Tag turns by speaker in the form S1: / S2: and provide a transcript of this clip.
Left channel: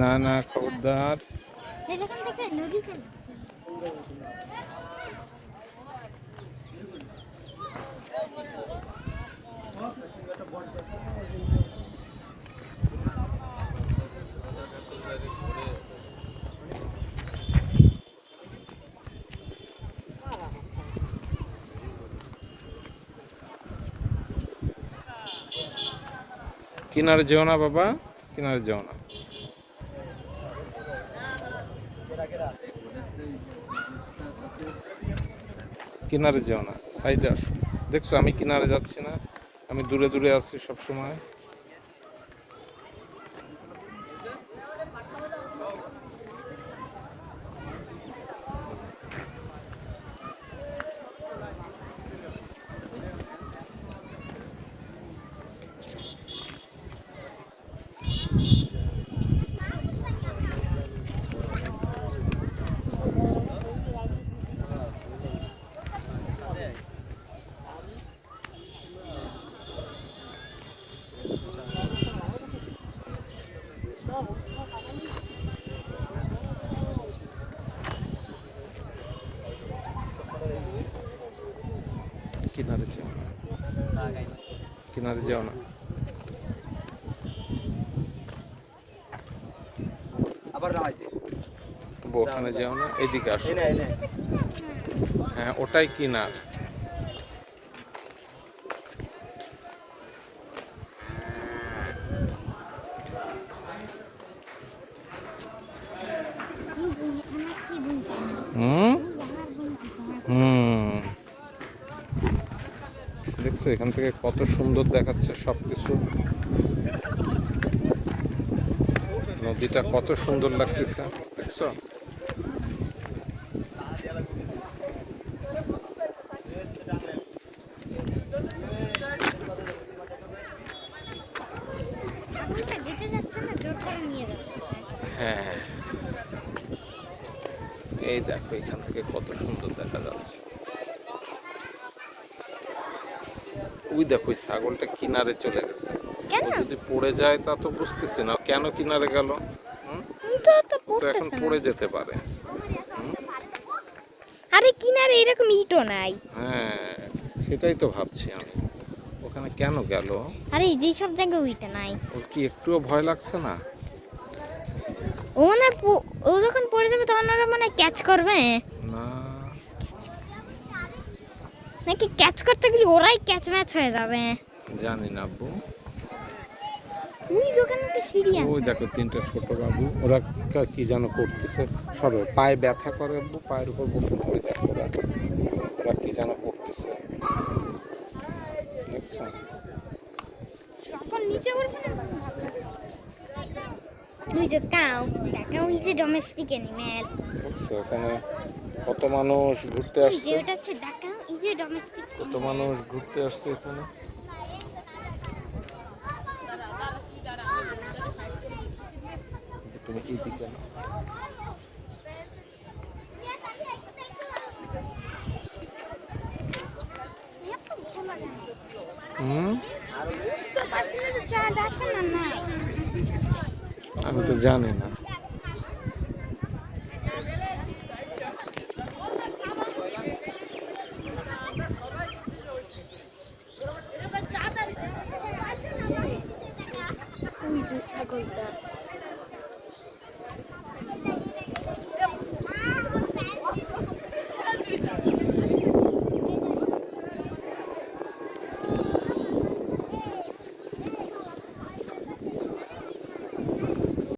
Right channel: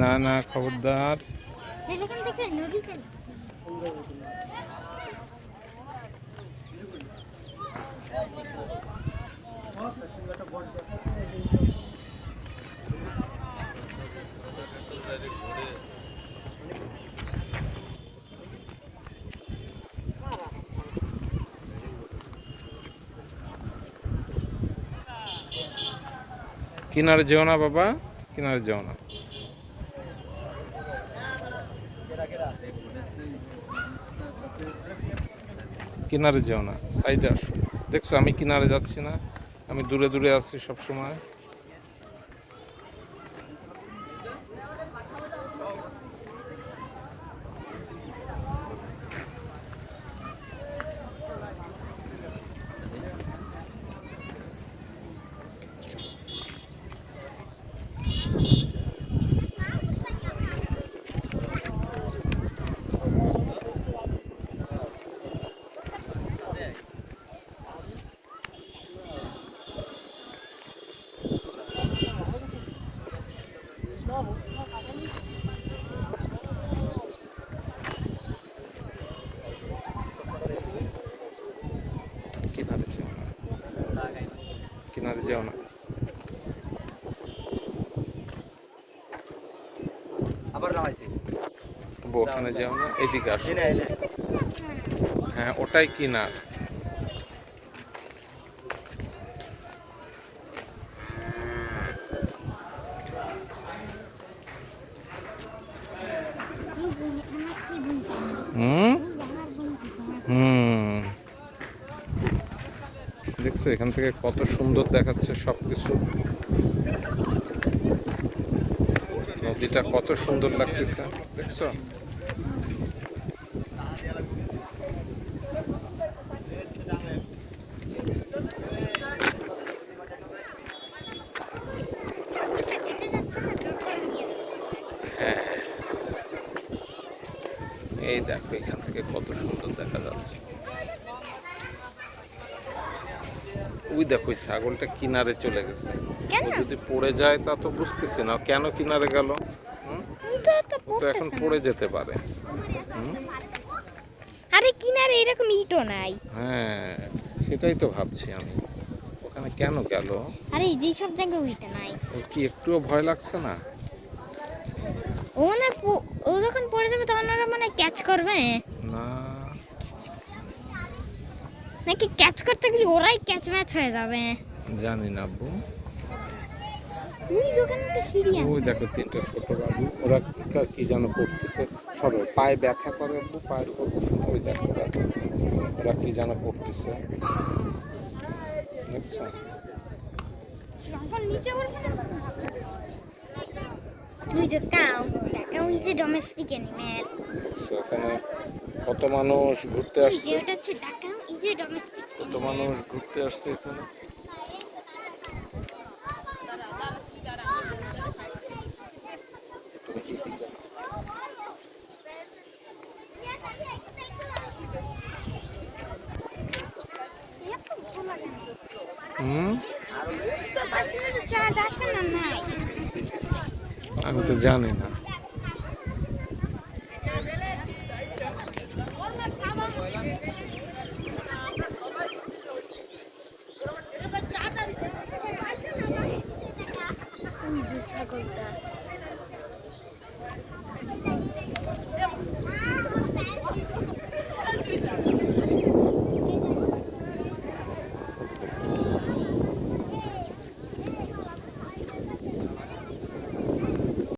S1: না
S2: না খবরদার।
S1: এখান থেকে
S2: কিনারে যেও না বাবা, কিনারে যেও না। কিনারে যেও না, সাইডে আসো। দেখছ আমি কিনারে যাচ্ছি না, আমি দূরে দূরে আছি সব কিনারে যেও না। কিনারে যেও না। ওখানে যেও না এদিকে আসো। হ্যাঁ ওটাই কিনার। হুম? হুম। দেখছ এখান থেকে কত সুন্দর দেখাচ্ছে সবকিছু। নদীটা কত সুন্দর লাগতেছে, দেখছ? হ্যাঁ। এই দেখো, এখান থেকে কত সুন্দর দেখা যাচ্ছে। ওই দেখো ছাগলটা কিনারে চলে গেছে।
S1: কেন?
S2: ও যদি পড়ে যায় তা তো বুঝতেছি না কেন কিনারে গেল?
S1: তো
S2: এখন পড়ে যেতে পারে?
S1: আরে কিনারে এরকম ইটও নাই।
S2: হ্যাঁ সেটাই তো ভাবছি আমি। ওখানে কেন গেল?
S1: আরে যেই সব জায়গায় ওইটা নাই।
S2: ওর কি একটুও ভয় লাগছে না?
S1: ও না ও যখন পড়ে যাবে তখন ওরা মানে ক্যাচ করবে।
S2: না
S1: নাকি ক্যাচ করতে গেলে ওরাই ক্যাচ ম্যাচ হয়ে যাবে।
S2: জানি না আব্বু।
S1: ওই
S2: দেখো তিনটা ছোট বাবু ওরা কা- যেন করতেছে। সরো পায়ে ব্যথা করে আব্বু পায়ের উপর বসে ওই দেখো ওরা। ওরা কি যেন করতেছে। দেখছ?
S1: নিচে
S2: এখানে কত মানুষ ঘুরতে আসছে। কত মানুষ ঘুরতে আসছে এখানে? তুমি এদিকে
S1: না।
S2: আমি তো জানি না।